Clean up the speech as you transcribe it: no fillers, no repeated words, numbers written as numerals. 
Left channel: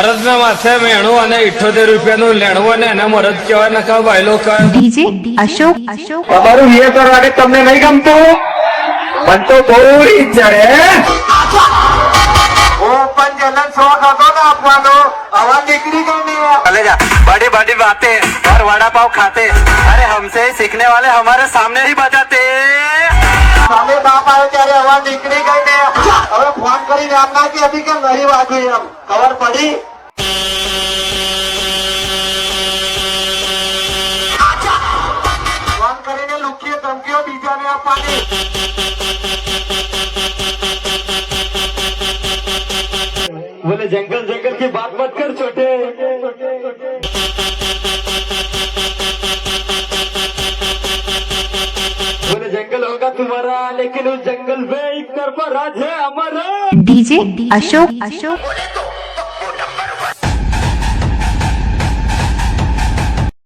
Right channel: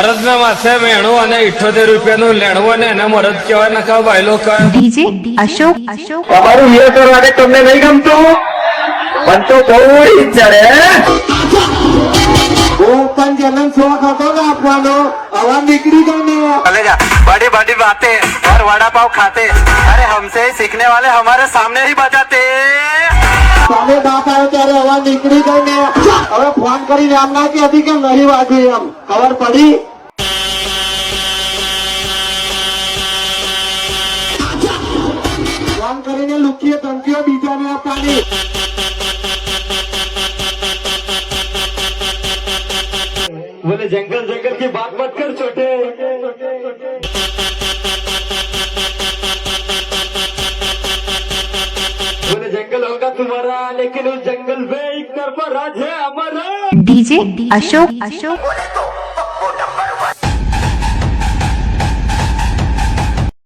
મરદ ના માથે મેણું અને 78 રૂપિયાનું લેણું અને એને મરદ કહેવાય ને કહો ભાઈલો કહે ડીજે અશોક તમારું વિયર કરવા માટે તમને નહીં ગમતું પણ તો બહુ ચડે પણ જનન શોખ હતો ને આપવાનો આવા નીકળી ગઈ ને चलेगा बड़ी बड़ी बातें और वड़ा पाव खाते अरे हमसे ही सीखने वाले हमारे सामने ही बजाते सामने बाप आए ત્યારે હવા નીકળી ગઈ ને હવે ફોન કરી જાણના કે અભી કેમ નહીં વાગ્યું એમ ખબર પડી ફોન કરીને લુકીએ ધમકીઓ બીજાને આપવાની बोले जंगल जंगल की बात मत कर छोटे बोले जंगल होगा तुम्हारा लेकिन उस जंगल में एक तरफा राज है हमारा ડીજે અશોક बोले तो